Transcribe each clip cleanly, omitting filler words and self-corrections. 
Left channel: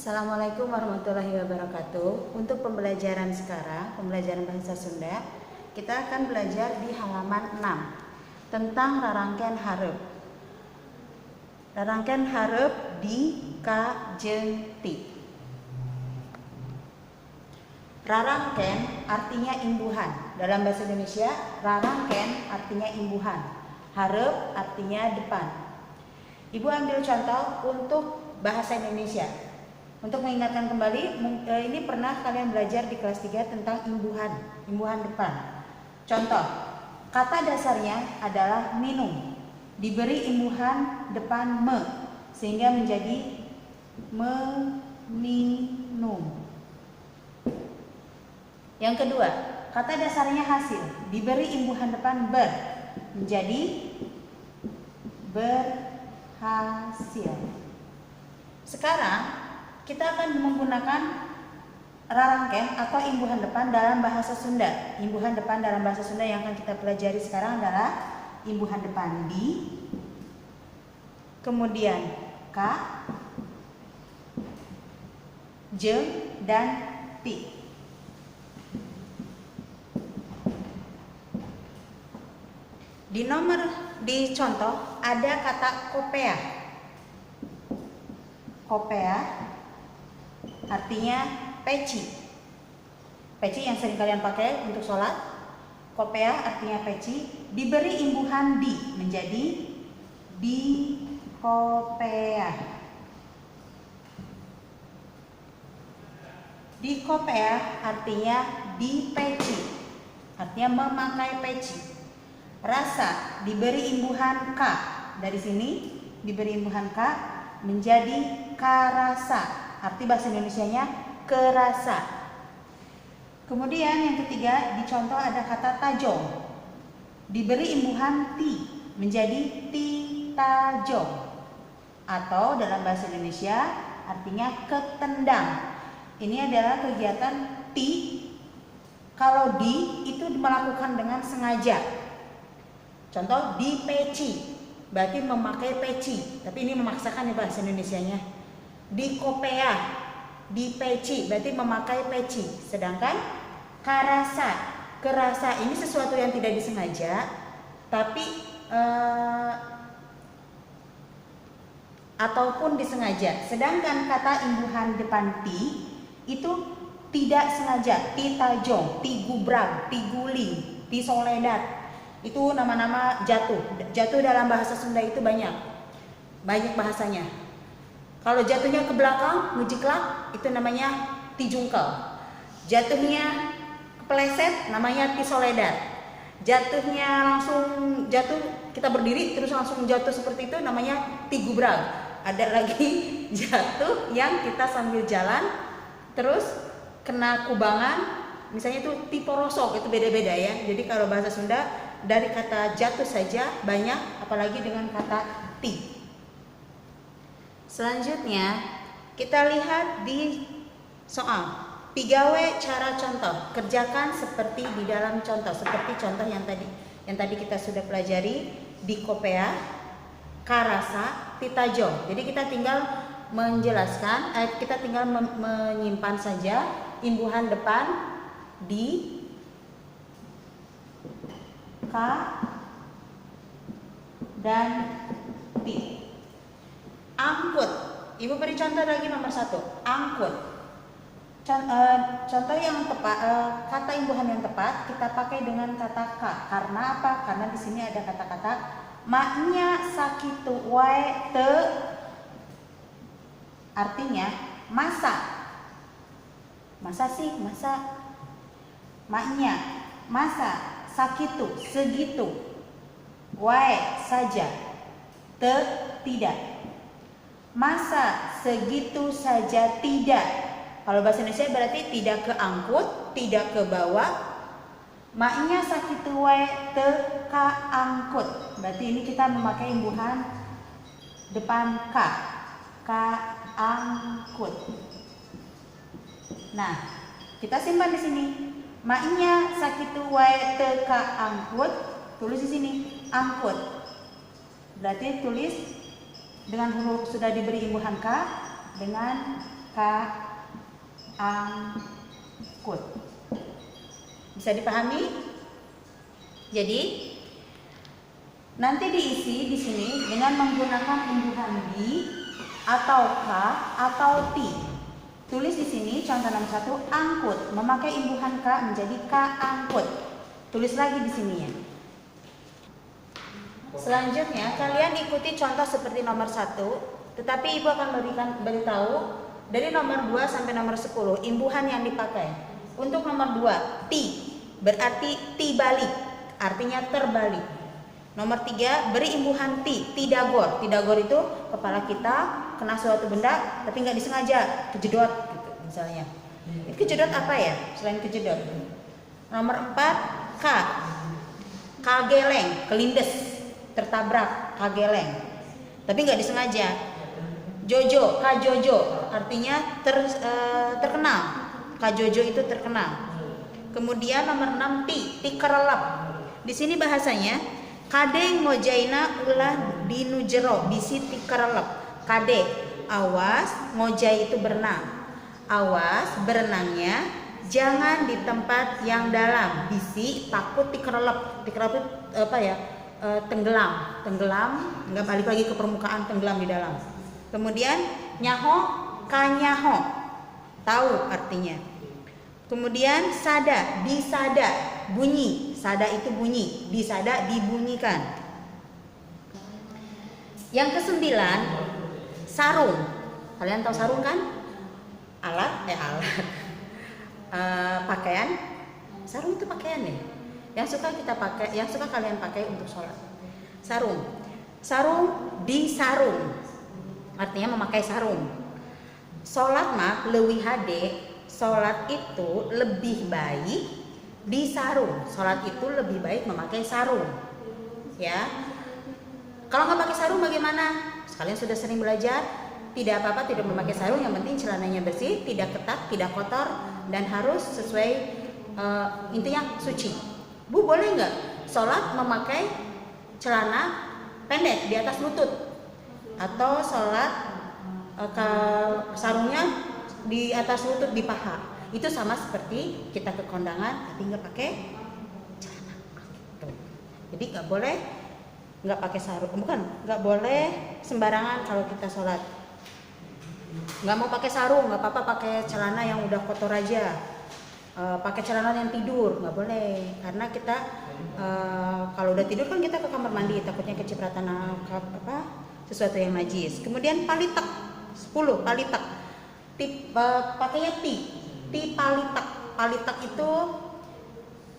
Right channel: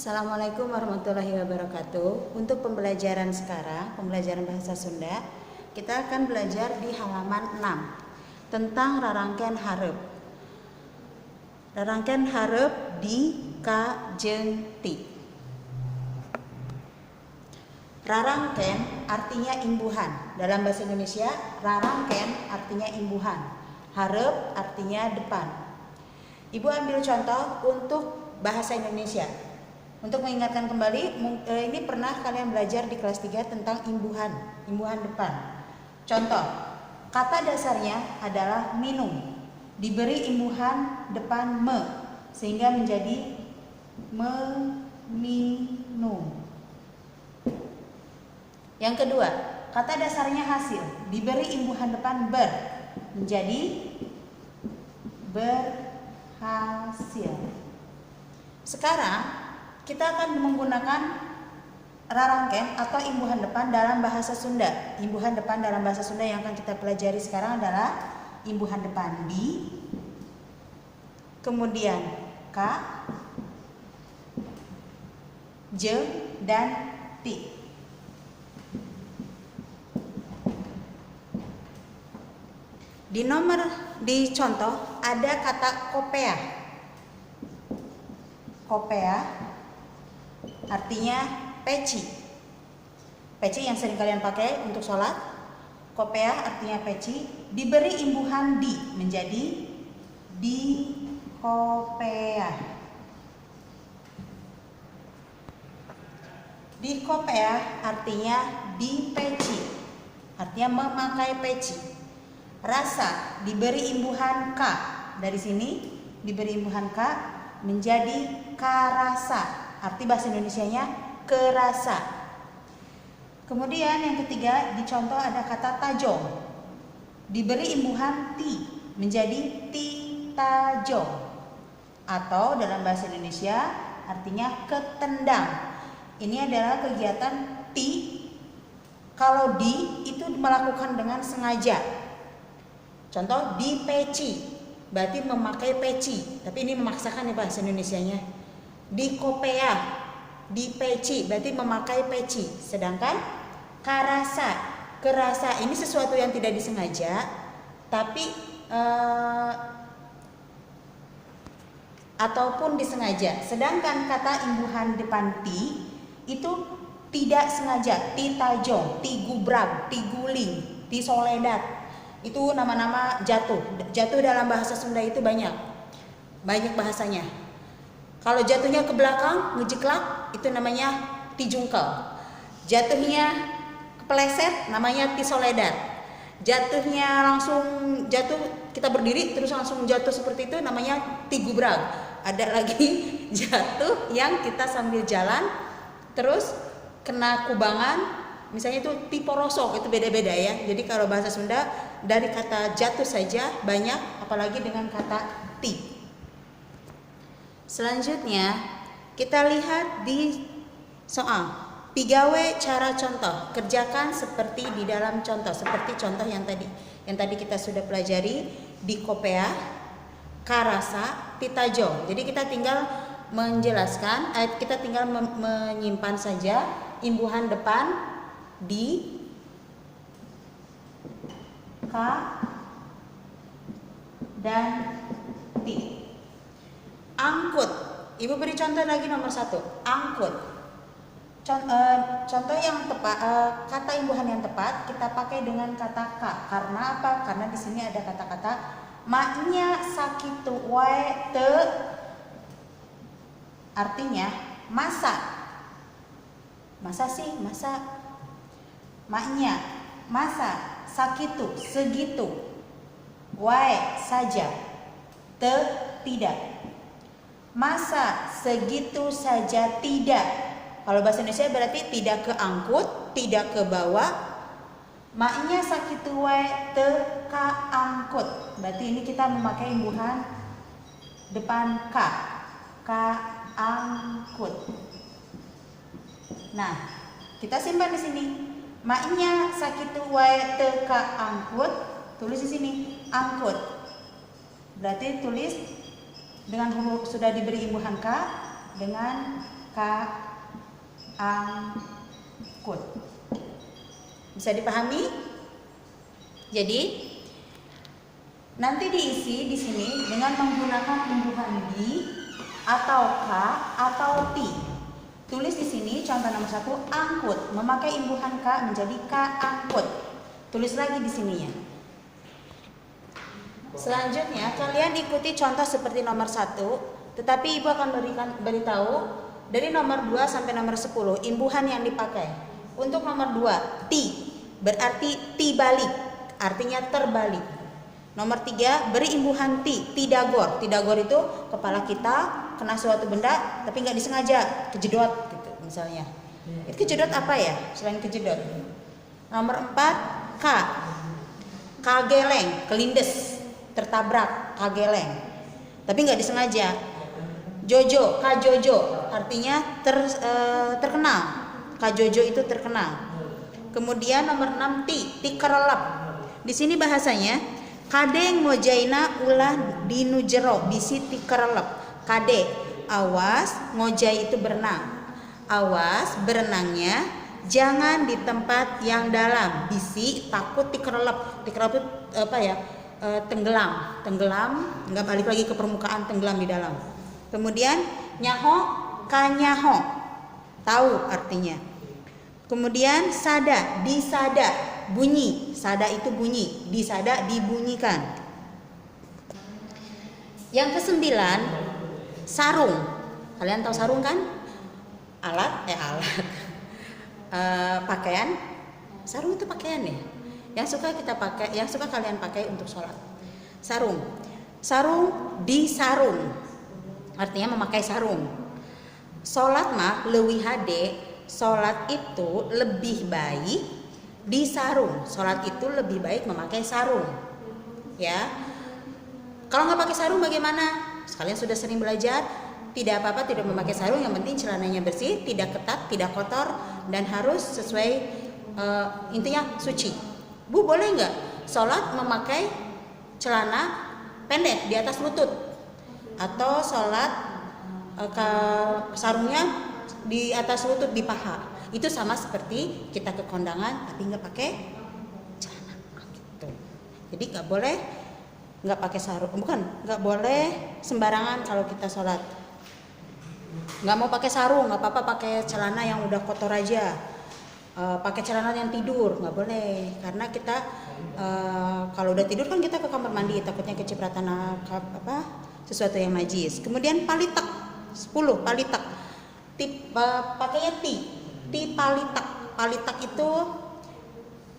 Assalamualaikum warahmatullahi wabarakatuh. Untuk pembelajaran sekarang, pembelajaran bahasa Sunda, kita akan belajar di halaman 6 tentang rarangkeun hareup. Rarangkeun hareup di ka jeung ti. Rarangkeun artinya imbuhan. Dalam bahasa Indonesia, rarangkeun artinya imbuhan. Hareup artinya depan. Ibu ambil contoh untuk bahasa Indonesia. Untuk mengingatkan kembali, ini pernah kalian belajar di kelas 3 tentang imbuhan depan. Contoh, kata dasarnya adalah minum. Diberi imbuhan depan me, sehingga menjadi meminum. Yang kedua, kata dasarnya hasil. Diberi imbuhan depan ber, menjadi berhasil. Sekarang kita akan menggunakan rarangkeun atau imbuhan depan dalam bahasa Sunda. Imbuhan depan dalam bahasa Sunda yang akan kita pelajari sekarang adalah imbuhan depan di, kemudian ka, jeung, dan ti. Di contoh ada kata kopea. Kopea artinya peci. Peci yang sering kalian pakai untuk sholat. Kopea artinya peci. Diberi imbuhan di, menjadi di kopea. Di kopea artinya di peci, artinya memakai peci. Rasa diberi imbuhan ka, dari sini diberi imbuhan ka menjadi karasa. Arti bahasa Indonesianya kerasa. Kemudian yang ketiga, di contoh ada kata tajong. Diberi imbuhan ti, menjadi ti tajong. Atau dalam bahasa Indonesia artinya ketendang. Ini adalah kegiatan ti. Kalau di itu melakukan dengan sengaja. Contoh di peci, berarti memakai peci. Tapi ini memaksakan ya bahasa Indonesianya. Di kopea, di peci, berarti memakai peci. Sedangkan karasa, kerasa ini sesuatu yang tidak disengaja, tapi ataupun disengaja. Sedangkan kata imbuhan depan ti itu tidak sengaja. Ti tajong, ti gubrag, ti guling, ti soledad. Itu nama-nama jatuh. Jatuh dalam bahasa Sunda itu banyak bahasanya. Kalau jatuhnya ke belakang, ngejiklak, itu namanya ti jungkel. Jatuhnya kepleset, namanya ti soledad. Jatuhnya langsung jatuh, kita berdiri terus langsung jatuh seperti itu, namanya ti gubrag. Ada lagi jatuh yang kita sambil jalan terus kena kubangan, misalnya itu ti porosok, itu beda-beda ya. Jadi kalau bahasa Sunda dari kata jatuh saja banyak, apalagi dengan kata ti. Selanjutnya kita lihat di soal. Pigawe cara contoh. Kerjakan seperti di dalam contoh, seperti contoh yang tadi kita sudah pelajari di kopea, karasa, ti tajong. Jadi kita tinggal menjelaskan, kita tinggal menyimpan saja imbuhan depan di, ka, dan ti. Angkut. Ibu beri contoh lagi nomor 1. Angkut. Contoh yang tepat, kata imbuhan yang tepat kita pakai dengan kata ka. Karena apa? Karena di sini ada kata-kata maknya sakitu wae te, artinya masa. Masa sih, masa. Maknya masa, sakitu segitu, wae saja, te tidak. Masa segitu saja tidak. Kalau bahasa Indonesia berarti tidak keangkut, tidak ke bawah. Maknya sakitu wae te kaangkut. Berarti ini kita memakai imbuhan depan ka. Kaangkut. Nah, kita simpan di sini. Maknya sakitu wae te kaangkut. Tulis di sini angkut. Berarti tulis dengan huruf sudah diberi imbuhan ka, dengan angkut. Bisa dipahami? Jadi nanti diisi di sini dengan menggunakan imbuhan di atau k atau ti. Tulis di sini contoh nomor 1 angkut, memakai imbuhan k menjadi k angkut. Tulis lagi di sini ya. Selanjutnya kalian ikuti contoh seperti nomor 1, tetapi Ibu akan beritahu dari nomor 2 sampai nomor 10 imbuhan yang dipakai. Untuk nomor 2 ti berarti ti balik, artinya terbalik. Nomor 3 beri imbuhan ti dagor. Ti dagor itu kepala kita kena suatu benda tapi nggak disengaja, kejedot gitu misalnya. Itu kejedot apa ya selain kejedot? Nomor 4 kageleng, kelindes, tertabrak, kageleng tapi nggak disengaja. Jojo, kajojo artinya terkena, kajojo itu terkena. Kemudian nomor 6 ti kerelap. Di sini bahasanya kade ngojaina ulah dinujero bisi ti kerelap. Kade awas, ngojai itu berenang. Awas berenangnya jangan di tempat yang dalam. Bisi takut dikerelap. Dikerelap itu apa ya? Tenggelam, nggak balik lagi ke permukaan, tenggelam di dalam. Kemudian nyaho, kanyaho, tahu artinya. Kemudian sada, disada, bunyi. Sada itu bunyi, disada dibunyikan. Yang ke-9 sarung. Kalian tahu sarung kan? Alat. Pakaian. Sarung itu pakaian ya. Yang suka kita pakai, yang suka kalian pakai untuk sholat. Sarung. Sarung disarung. Artinya memakai sarung. Sholat mah leuwih hade. Sholat itu lebih baik disarung. Sholat itu lebih baik memakai sarung. Ya. Kalau nggak pakai sarung bagaimana? Kalian sudah sering belajar. Tidak apa-apa, tidak memakai sarung. Yang penting celananya bersih, tidak ketat, tidak kotor, dan harus sesuai intinya suci. Bu, boleh nggak sholat memakai celana pendek di atas lutut? Atau sholat sarungnya di atas lutut di paha? Itu sama seperti kita ke kondangan tapi nggak pakai celana gitu. Jadi nggak pakai sarung, nggak boleh sembarangan kalau kita sholat. Nggak mau pakai sarung, nggak apa-apa pakai celana yang udah kotor aja. Pakai celana yang tidur nggak boleh, karena kita kalau udah tidur kan kita ke kamar mandi, takutnya kecipratan sesuatu yang najis. Kemudian palitak 10 palitak. Pakainya ti palitak itu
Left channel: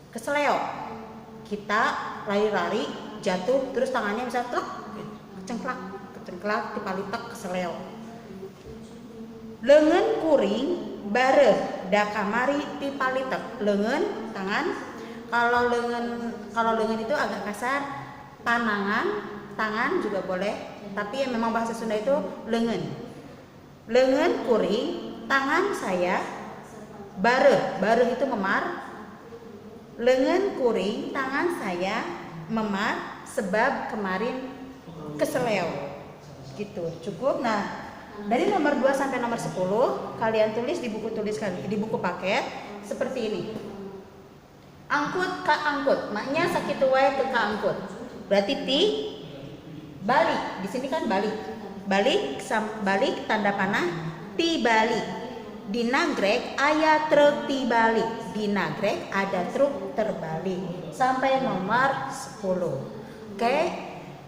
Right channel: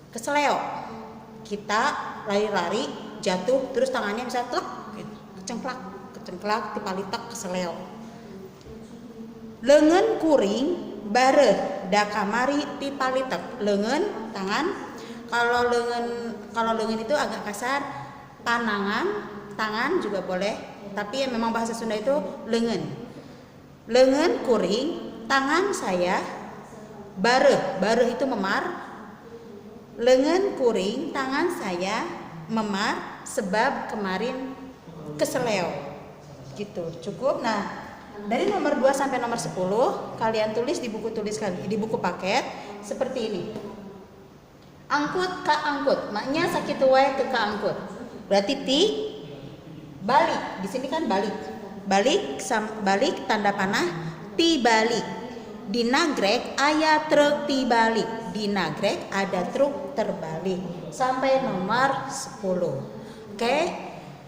keseleo. Kita lari-lari jatuh terus tangannya bisa kecengklak ti palitak keseleo. Lengan kuring bareh da kamari ti palitak. Lengan tangan, kalau lengan itu agak kasar, tangan juga boleh, tapi memang bahasa Sunda itu lengan kuring tangan saya, bareh itu memar. Lengan kuring tangan saya memar sebab kemarin keseleo gitu. Cukup. Nah, dari nomor 2 sampai nomor 10 kalian tulis di buku paket seperti ini. Angkut ka angkut, maknya sakit wae ke angkut. Berarti ti balik. Di sini kan balik. Balik tanda panah ti balik. Di nagrek aya truk ti balik. Di nagrek ada truk terbalik. Sampai nomor 10. Oke?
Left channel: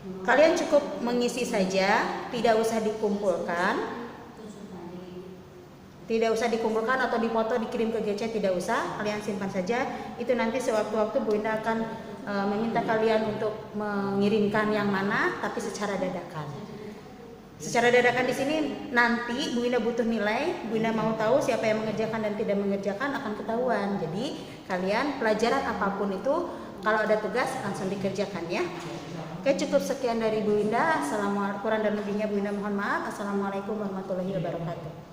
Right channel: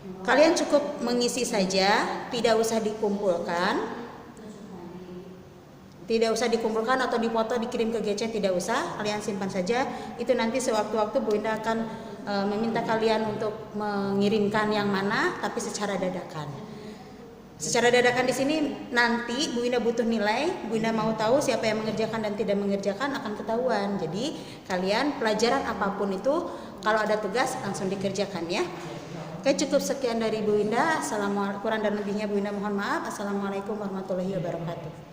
Kalian cukup mengisi saja, tidak usah dikumpulkan. Tidak usah dikumpulkan atau dipoto dikirim ke GC, tidak usah. Kalian simpan saja. Itu nanti sewaktu-waktu Bu Indah akan meminta kalian untuk mengirimkan yang mana, tapi secara dadakan. Secara dadakan di sini nanti Bu Indah butuh nilai, Bu Indah mau tahu siapa yang mengerjakan dan tidak mengerjakan akan ketahuan. Jadi kalian pelajaran apapun itu kalau ada tugas langsung dikerjakan ya. Oke, cukup sekian dari Bu Indah. Assalamualaikum, kurang dan lebihnya Bu Indah mohon maaf. Assalamualaikum warahmatullahi wabarakatuh.